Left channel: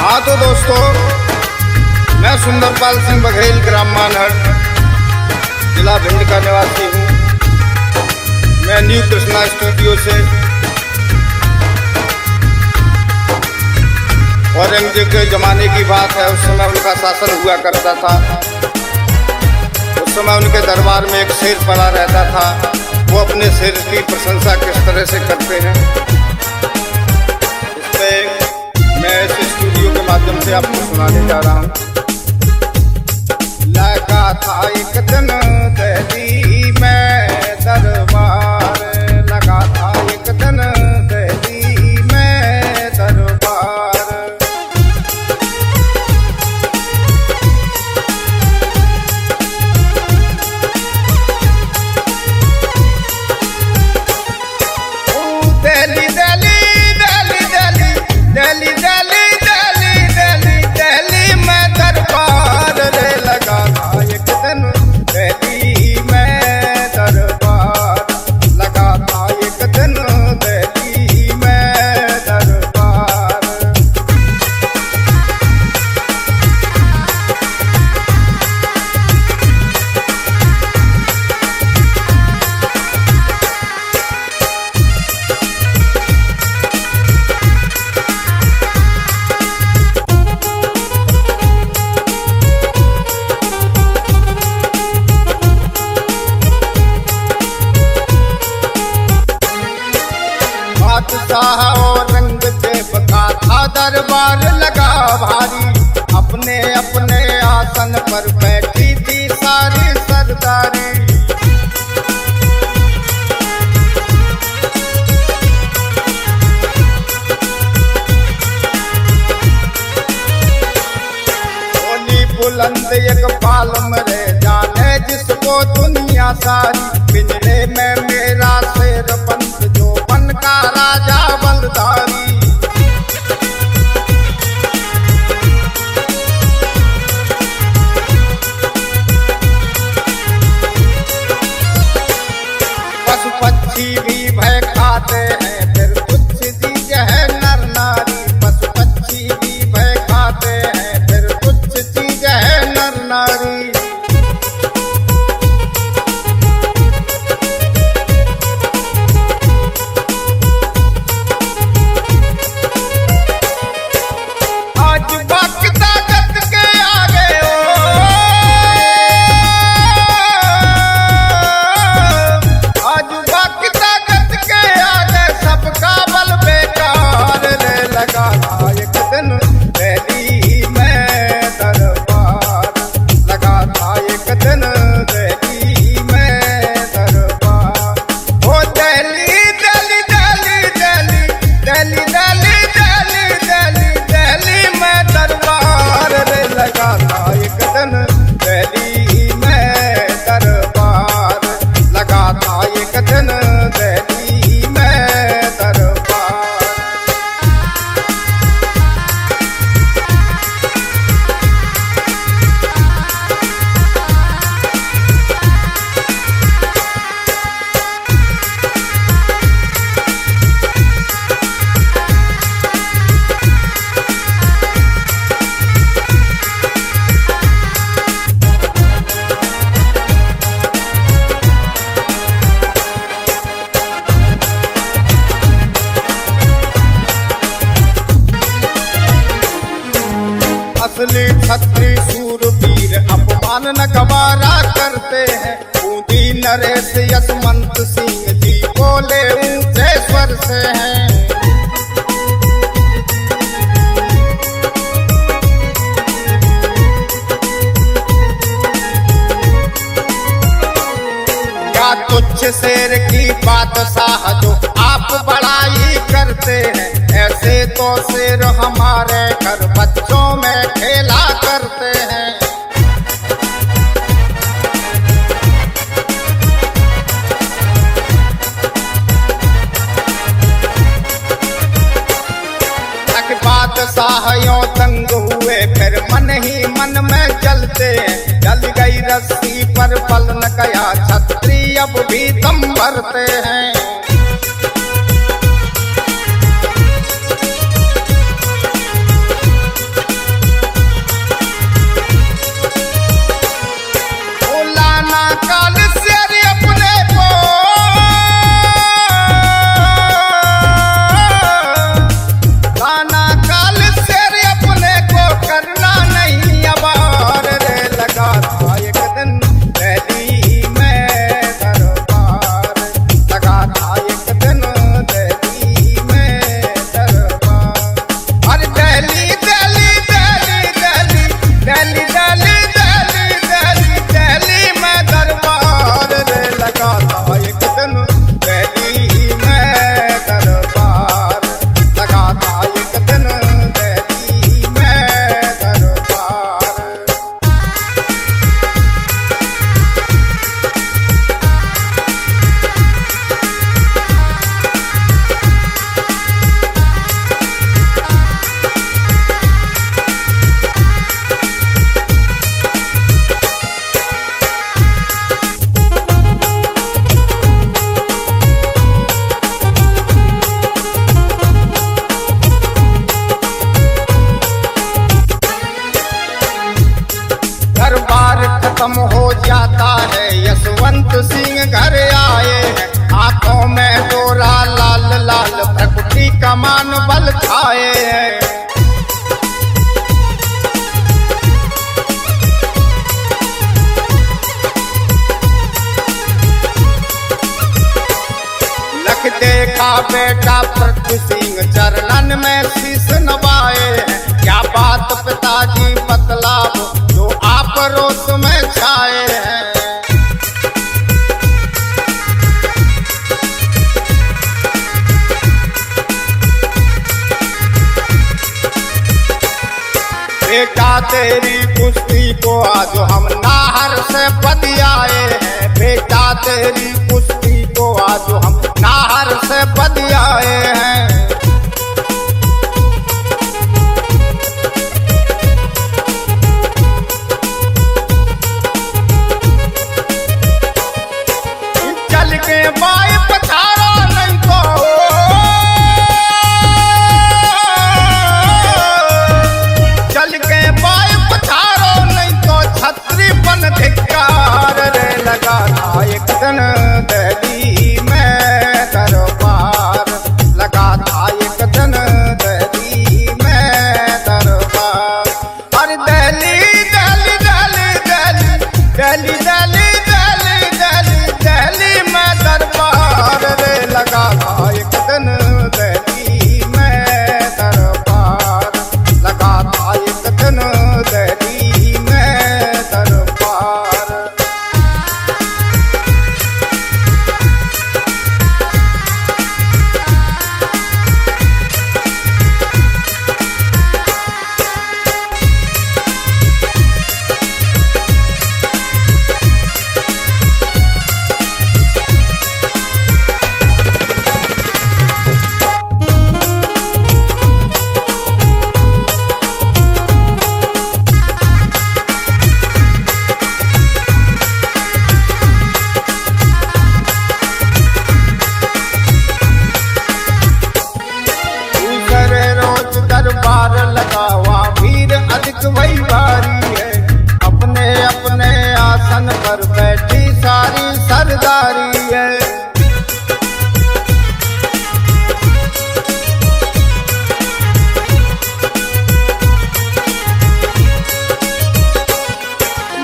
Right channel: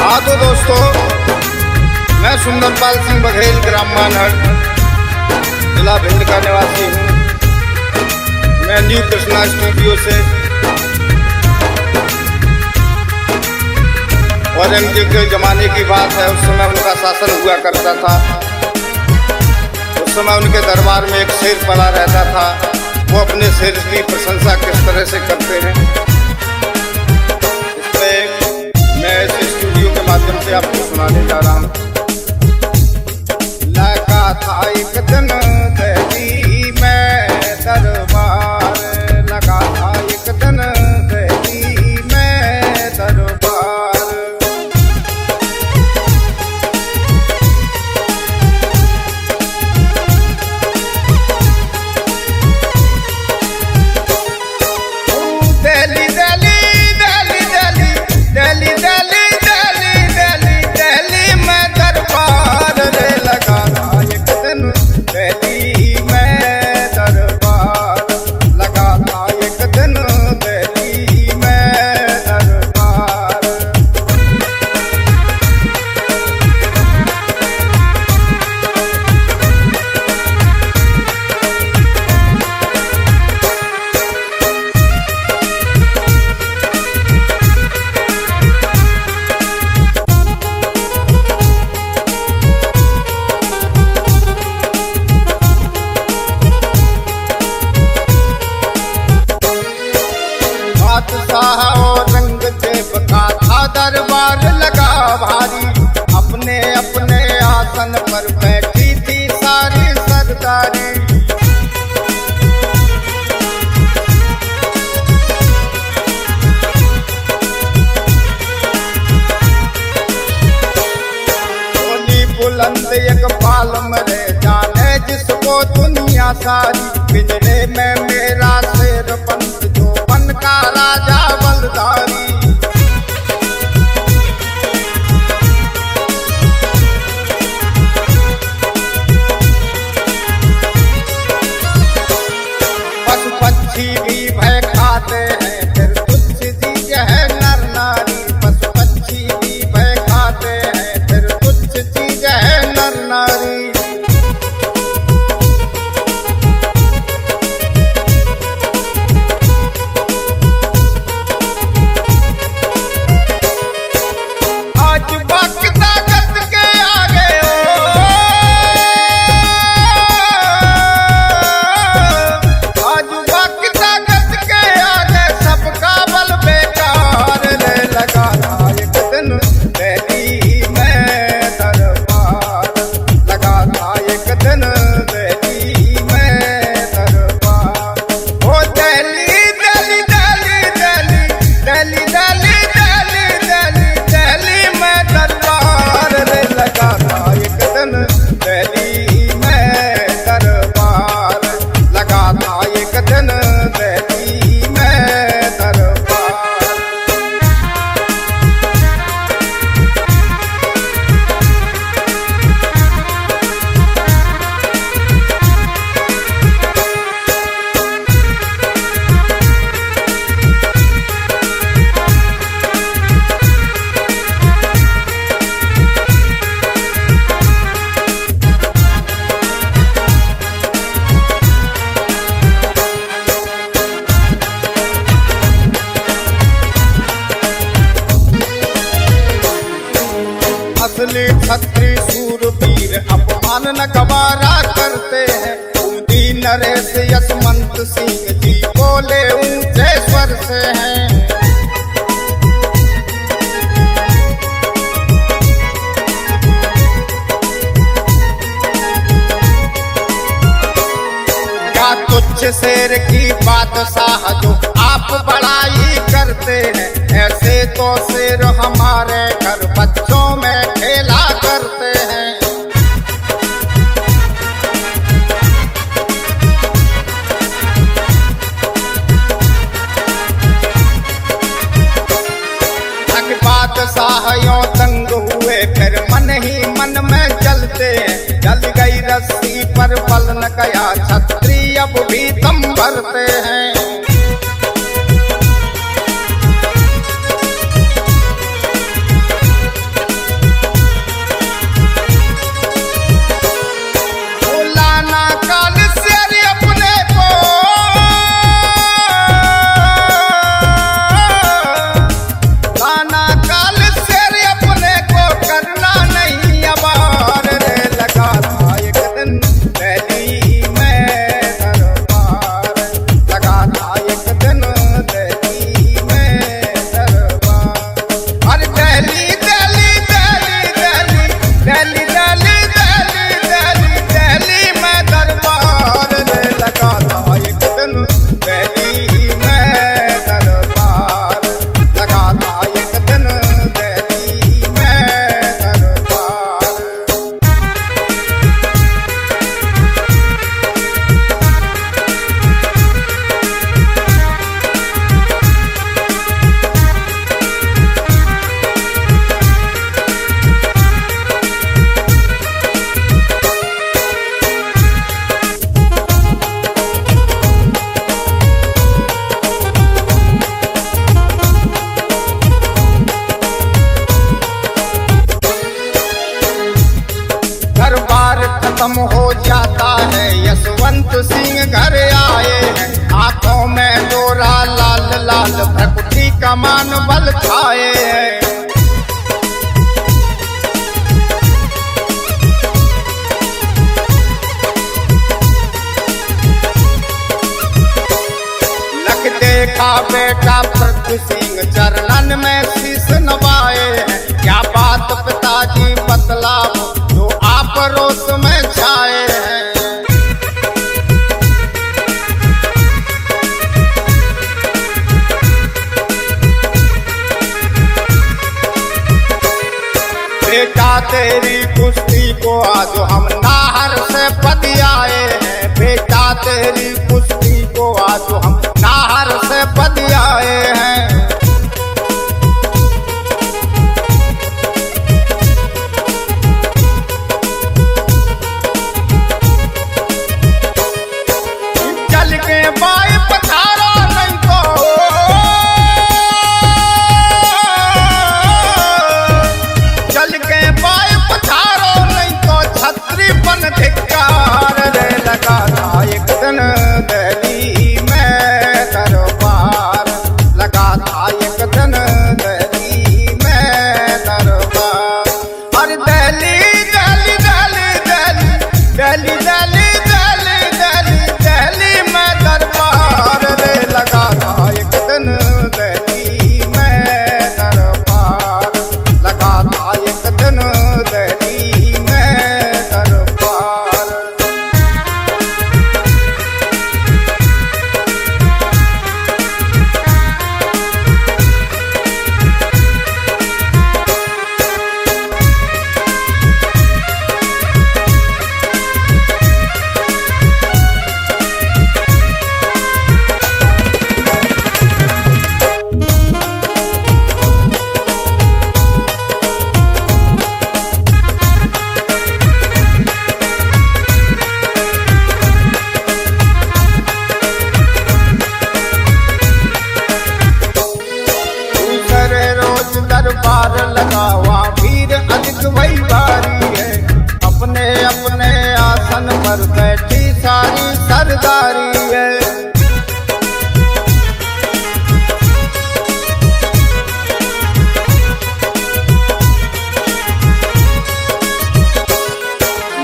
हाँ तो दोस्तों, मैं सुंदरपाल सिंह बघेल, ग्राम मानहर, जिला भिंड का निवासी हूँ। मैं न्यू कृष्णा स्टूडियो से औरंगजेब के जमाने की बात है। उस समय उनका शासन हुआ करता था। उस समय उनके दरबार में एक शेर पड़ा रहता था। वो अपने शेर की प्रशंसा किस तरह से करते हैं, इस पे मैं इस स्टूडियो के माध्यम से आपको सुनाने जा रहा हूँ। लगा था एक दिन दिल्ली में दरबार, लगा था एक दिन दिल्ली में दरबार। दिल्ली दिल्ली दिल्ली दिल्ली दिल्ली दिल्ली दिल्ली दिल्ली दिल्ली में दरबार रे, लगा था एक दिन दिल्ली में दरबार, लगा था एक दिन दिल्ली में दरबार। बादशाह औरंगजेब का था दरबार लगा भारी, अपने अपने आसन पर बैठी थी सारी सरदारी। बोली बुलंद एक बाल मरे जाने जिसको दुनिया सारी, पिंजरे में मेरा शेर बंद जो बन का राजा बलधारी। पशु पक्षी भी भय खाते हैं, फिर तुच्छ चीज है नर नारी। पशु पक्षी भी भय खाते हैं, फिर तुच्छ चीज है नर नारी। आज वक्त ताकत के आगे आज वक्त ताकत के आगे सबका बल बेकार रे, लगा था एक दिन दिल्ली में दरबार, लगा था एक दिन दिल्ली में दरबार। ओ दिल्ली दिल्ली दिल्ली दिल्ली दिल्ली दिल्ली दिल्ली दिल्ली दिल्ली में दरबार रे, लगा था एक दिन दिल्ली में दरबार, लगा था एक दिन दिल्ली में दरबार। असली छत्री सूरवीर अपमान न गवारा करते हैं। बूंदी नरेश यशवंत सिंह जी बोले ऊंचे स्वर से हैं। क्या तुच्छ शेर की बादशाह जो आप बड़ाई करते हैं, ऐसे तो शेर हमारे घर बच्चों में खेला करते हैं। बादशाहों तंग हुए फिर मन ही मन में जलते हैं। जल गई रस्सी पर बल न गया छत्री अब भी दम भरते हैं। दिल्ली दिल्ली दिल्ली दिल्ली दिल्ली दिल्ली दिल्ली दिल्ली दिल्ली में दरबार रे लगा था एक दिन दिल्ली में दरबार लगा था एक दिन दिल्ली में दरबार। दरबार खत्म हो जाता है, यशवंत सिंह घर आए हैं। आंखों में डोरा लाल लाल, भ्रकुटी कमान बल खाए हैं। लख देखा बेटा पृथ्वी सिंह चरणन में शीश नवाए हैं। क्या बात पिताजी बतलाओ जो आप रोष में छाए हैं। बेटा तेरी कुश्ती को आज हम नाहर से बदियाए हैं। बेटा तेरी कुश्ती को आज हम नाहर से बदियाए हैं। चल के बाई पथारा नहीं तो चल के बाई पथारो नहीं तो छतरी पन धिक्कार रे लगा था एक दिन दिल्ली में दरबार लगा था एक दिन दिल्ली में दरबार। अरे दिल्ली दिल्ली दिल्ली दिल्ली दिल्ली दिल्ली दिल्ली दिल्ली में दरबार रे लगा था एक दिन दिल्ली में दरबार लगा था एक दिन दिल्ली में दरबार। करे रोज दरबार लगावा वीर अधिक वही बारी है। अपने अपने आसन पर बैठी सारी सरदारी है।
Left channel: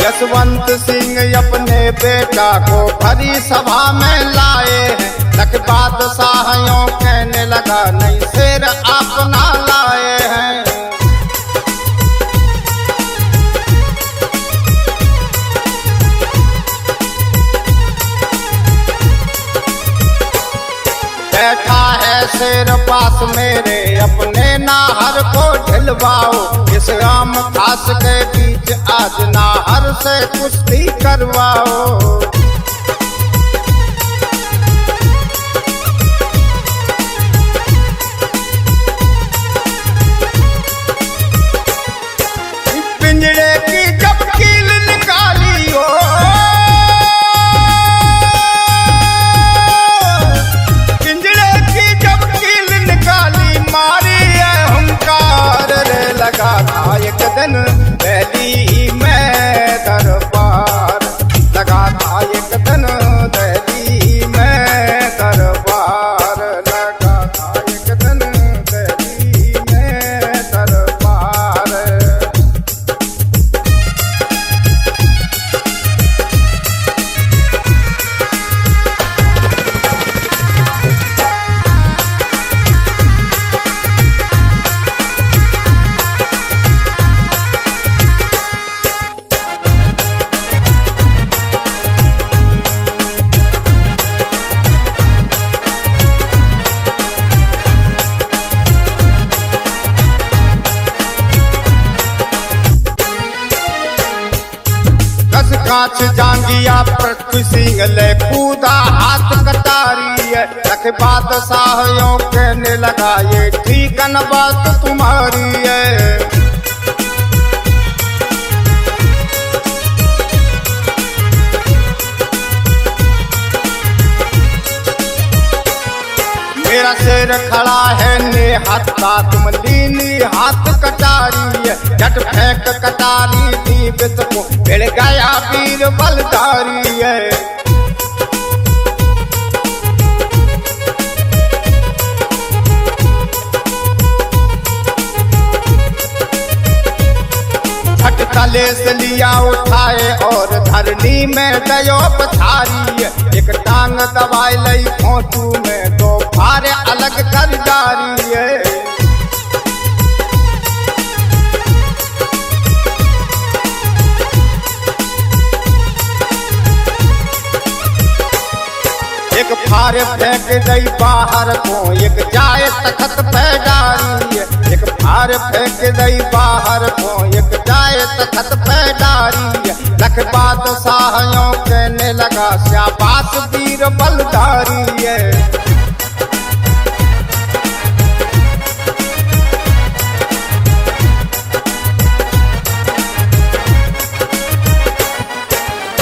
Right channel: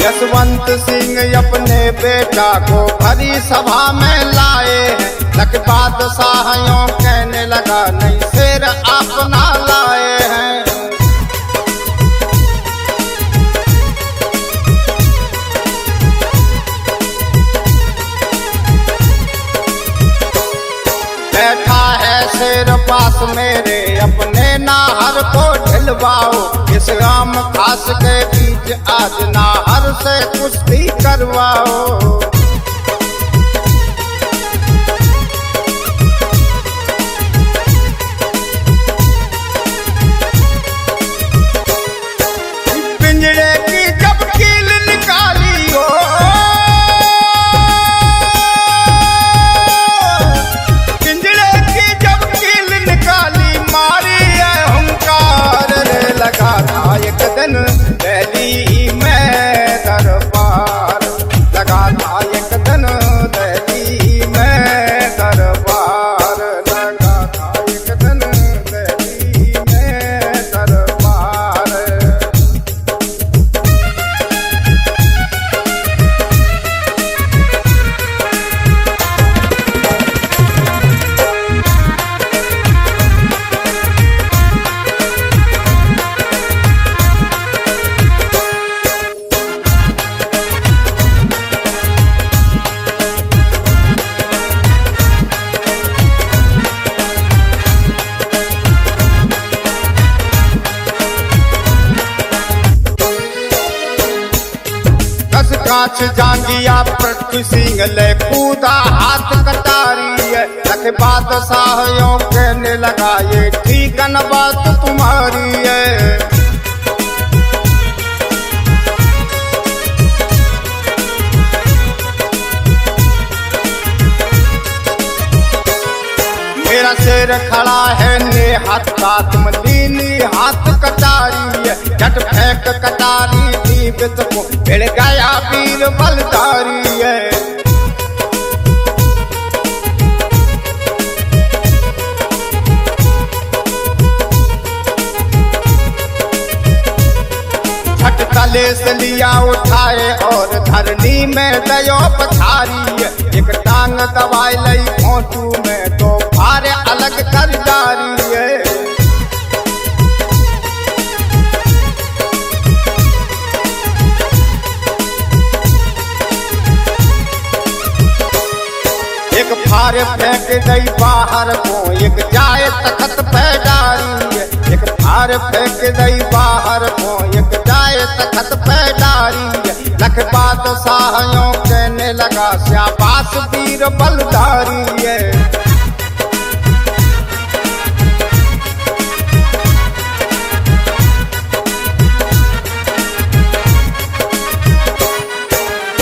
यशवंत सिंह अपने बेटा को भरी सभा में लाए हैं। लख बादशाहों कहने लगा नहीं शेर अपना लाए हैं। बैठा है शेर पास मेरे अपने नाहर को ढिलवाओ। इस राम खास के बीच आज नाहर से कुश्ती करवाओ। पिंजरे की जब कील निकाली हो पिंजरे की जब कील निकाली मारी है हुंकार रे लगा था एक दिन दिल्ली में दरबार लगा था एक दिन दिल्ली में दरबार लगा था एक दिन दिल्ली में दरबार। कस कांच जांगिया पृथ्वी सिंह ले कूदा हाथ कटारी है। लख बादशाहों कहने लगा ये ठीक न बात तुम्हारी है। मेरा शेर खड़ा है ने हत्ता तुम लीनी हाथ कटारी है। झट फेंक कटारी दीपित को भिड़ गया वीर बलधारी है। झट तले से लिया उठाए और धरनी में दयो पछारी है। एक टांग दबाई लई खोटू में दो फारे अलग कर जारी है। एक फारे फेंक दई बाहर को एक जाए तखत पे डारी है। एक फारे फेंक दई बाहर को एक जाए तखत पे डारी है। लख बादशाहों कहने लगा शाबाश वीर बलधारी है।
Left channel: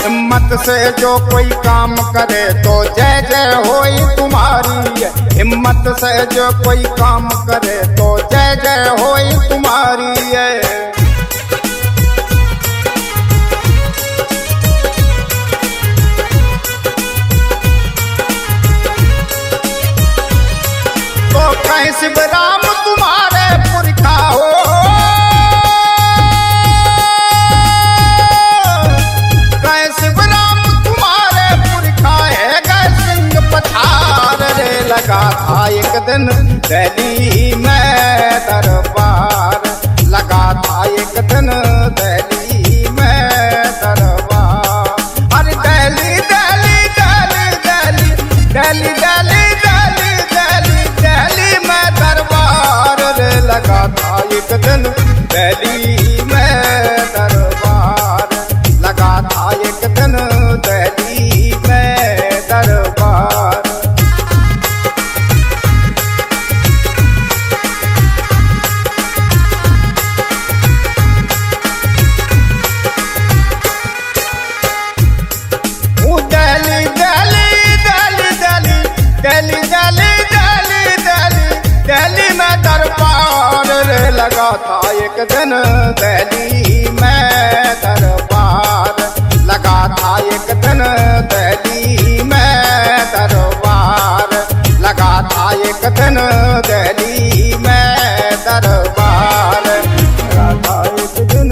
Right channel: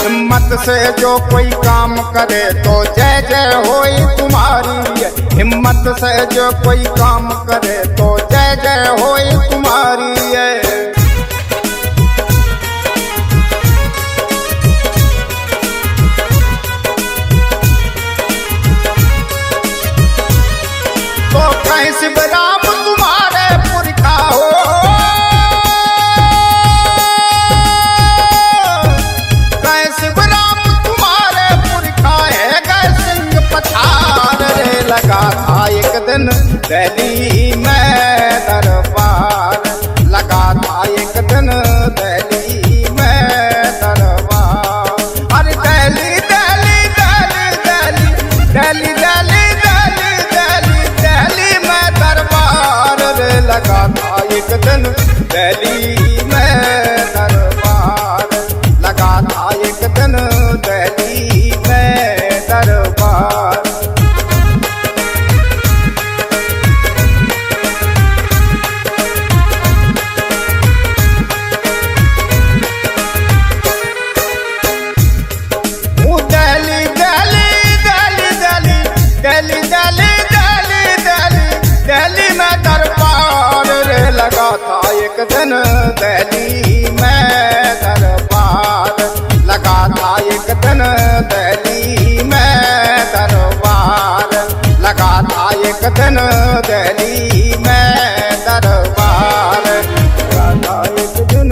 हिम्मत से जो कोई काम करे तो जय जय होई तुम्हारी है। हिम्मत से जो कोई काम करे तो जय जय होई तुम्हारी है। तो कहीं शिवराम तुम्हारे पुरखा हो, शिवराम तुम्हारे पुरखा है गए सिंह पछार रे। लगा था एक दिन दिल्ली में दरबार, लगा था एक दिन दिल्ली में दरबार। अरे दिल्ली दिल्ली दिल्ली दिल्ली दिल्ली दिल्ली दिल्ली दिल्ली दिल्ली में दरबार रे। लगा था एक दिन दिल्ली में दरबार, लगा था एक दिन दिल्ली में दरबार। दिल्ली दिल्ली दिल्ली दिल्ली दिल्ली दिल्ली दिल्ली दिल्ली दिल्ली में दरबार रे। लगा था एक दिन दिल्ली में दरबार, लगा था एक दिन दिल्ली में दरबार, लगा था एक दिन दिल्ली में दरबार, लगा था एक दिन